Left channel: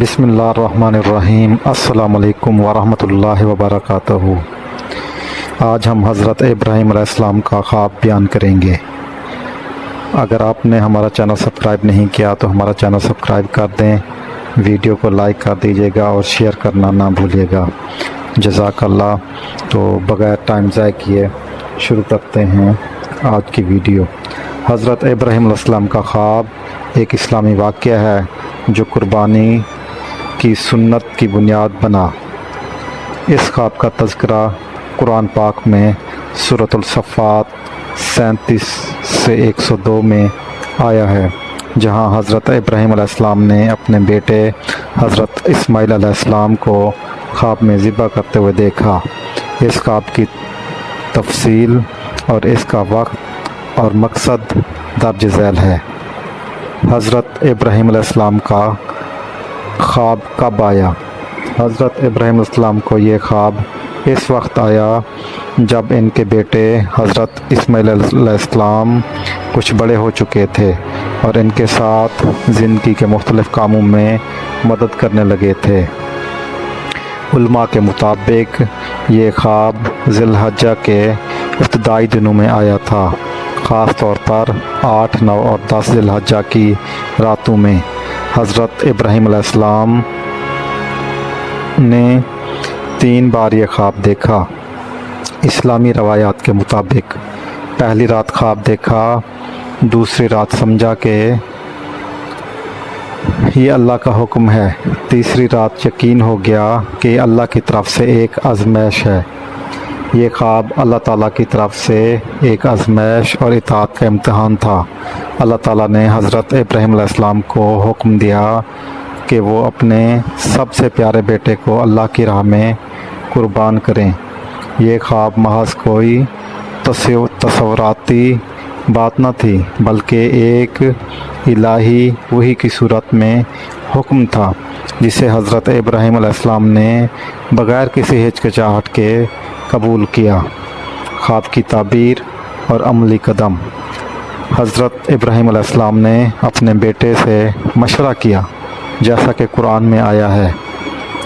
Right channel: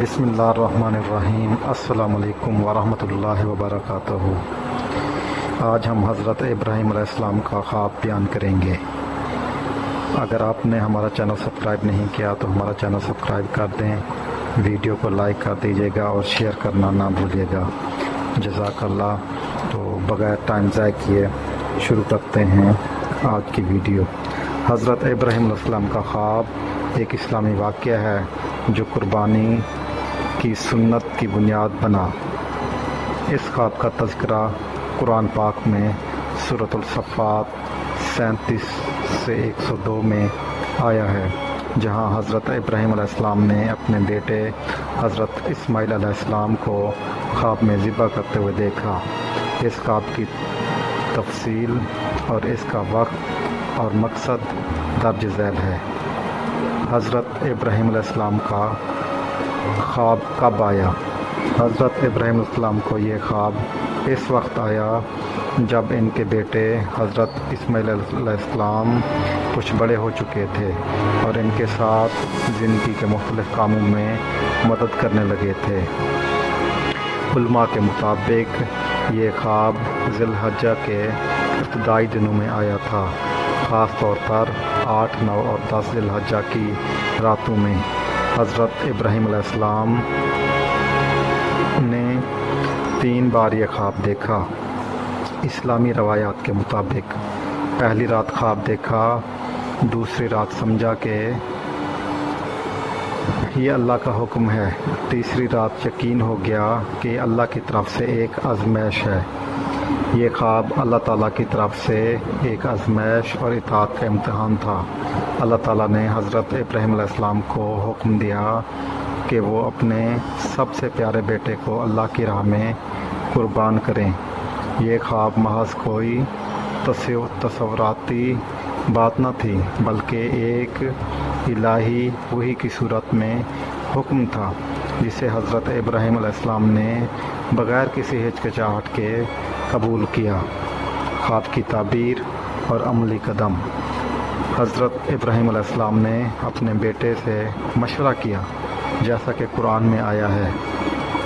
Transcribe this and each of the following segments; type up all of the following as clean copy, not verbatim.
بسم اللہ الرحمن الرحیم۔ السلام علیکم ورحمۃ اللہ وبرکاتہ۔ آج ہم حضرت ابراہیم علیہ السلام کا خواب بیان کریں گے۔ اگر آپ نے ہمارا چینل سبسکرائب نہیں کیا تو ہمارا چینل سبسکرائب کر دیں، ویڈیو کو لائک کر دیجیے گا اور شیئر کرنا نہ بھولیے گا، جزاک اللہ۔ تو بغیر ٹائم ضائع کیے شروع کرتے ہیں آج کی ویڈیو۔ حضرت ابراہیم علیہ السلام کا خواب ایک اسلامی واقعہ ہے جو قربانی کی سنت کی بنیاد بنا۔ اس خواب کا تذکرہ قرآن پاک میں سورۃ الصفات 37 سے 102 میں آیا ہے، جہاں حضرت ابراہیم علیہ السلام نے اپنے بیٹے حضرت اسماعیل علیہ السلام کو خواب میں ذبح کرتے ہوئے دیکھا۔ اس خواب کی تفصیل اور اس کا وقت اور مقصد درج ذیل ہے۔ حضرت ابراہیم علیہ السلام کا خواب کب آیا؟ حضرت ابراہیم علیہ السلام کو یہ خواب اس وقت آیا جب ان کے بیٹے حضرت اسماعیل علیہ السلام کچھ بڑے ہو چکے تھے اور ان کے ساتھ زندگی کے مختلف کاموں میں مدد کرنے لگے تھے۔ علماء کے مطابق یہ خواب ذی الحجہ کے ابتدائی دنوں میں آیا تھا، خاص طور پر 8، 9 اور 10 ذی الحجہ کی راتوں میں۔ حضرت ابراہیم علیہ السلام نے 3 بار یہ خواب دیکھا۔ اسلامی روایات کے مطابق پہلی رات خواب دیکھا، دوسری رات سمجھا کہ یہ اللہ کا حکم ہے، تیسری رات یقین ہو گیا کہ یہ اللہ کی طرف سے ایک آزمائش ہے۔ یہ خواب اللہ تعالیٰ کی طرف سے ایک آزمائش اور اطاعت کا امتحان تھا۔ اللہ تعالیٰ نے حضرت ابراہیم علیہ السلام کو حکم دیا کہ وہ اپنے سب سے پیارے بیٹے کو اللہ کی راہ میں قربان کریں۔ یہ خواب محض کوئی تصوراتی بات نہ تھی، بلکہ ایک الہی وحی کی صورت میں حکم تھا جسے حضرت ابراہیم علیہ السلام نے بغیر کسی ہچکچاہٹ کے قبول کیا۔ خواب کی تعبیر اور عملی قدم۔ حضرت ابراہیم علیہ السلام نے اپنے بیٹے سے مشورہ کیا، جیسا کہ قرآن میں آیا ہے:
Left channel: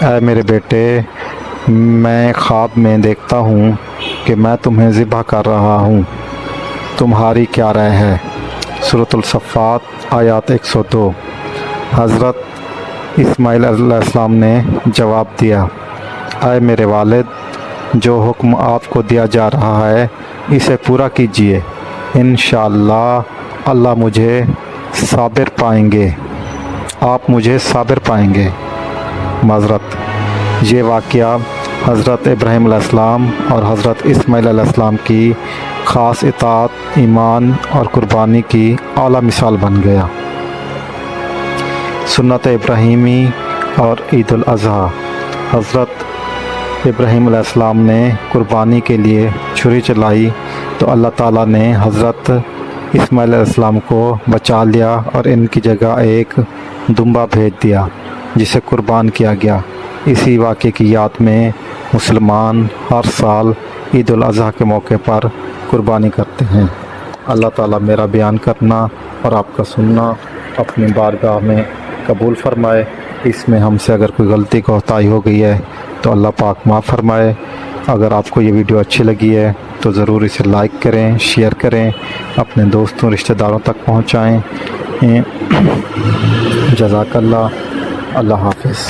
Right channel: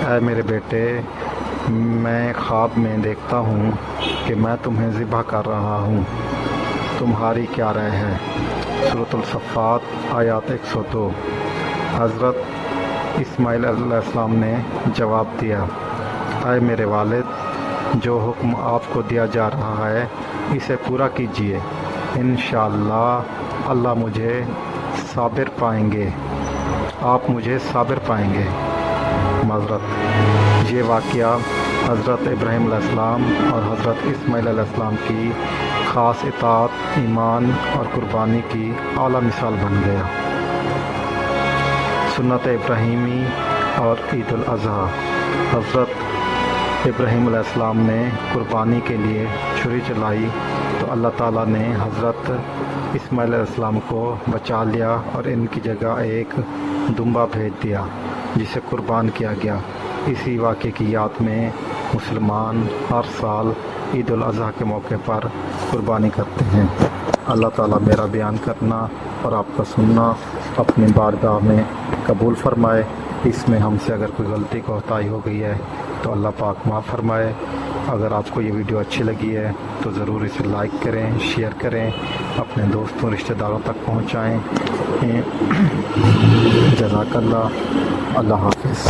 اے میرے بیٹے، میں خواب میں دیکھتا ہوں کہ میں تمہیں ذبح کر رہا ہوں، تمہاری کیا رائے ہے؟ سورۃ الصفات آیات 102۔ حضرت اسماعیل علیہ السلام نے جواب دیا: اے میرے والد، جو حکم آپ کو دیا جا رہا ہے اسے پورا کیجیے، انشاءاللہ اللہ مجھے صابر پائیں گے، آپ مجھے صابر پائیں گے۔ معذرت، یہ واقعہ حضرت ابراہیم علیہ السلام اور حضرت اسماعیل علیہ السلام کی خاص اطاعت، ایمان اور قربانی کی اعلیٰ مثال بن گیا۔ سنت ابراہیمی اور عید الاضحیٰ۔ حضرت ابراہیم علیہ السلام نے قربانی کے لیے چھری چلائی تو اللہ تعالیٰ نے حضرت اسماعیل علیہ السلام کو بچا لیا اور ان کی جگہ ایک دمبا بھیج دیا جسے قربان کیا گیا۔ اسی واقعے کی یاد میں مسلمان ہر سال عید الاضحیٰ کے موقع پر قربانی کرتے ہیں۔ اللہ تعالیٰ میرا بیان کرنا اور آپ کا سننا اپنی بارگاہ میں قبول فرمائے۔ اس میں ہم سے اگر کوئی غلطی کوتاہی ہو گئی ہے تو اللہ پاک معاف فرمائے۔ اگر آپ کو یہ ویڈیو اچھی لگی ہے تو ضرور اسے لائک کریں، شیئر کریں، اپنے دوستوں رشتہ داروں تک پہنچائیں۔ جزاک اللہ۔ اللہ حافظ۔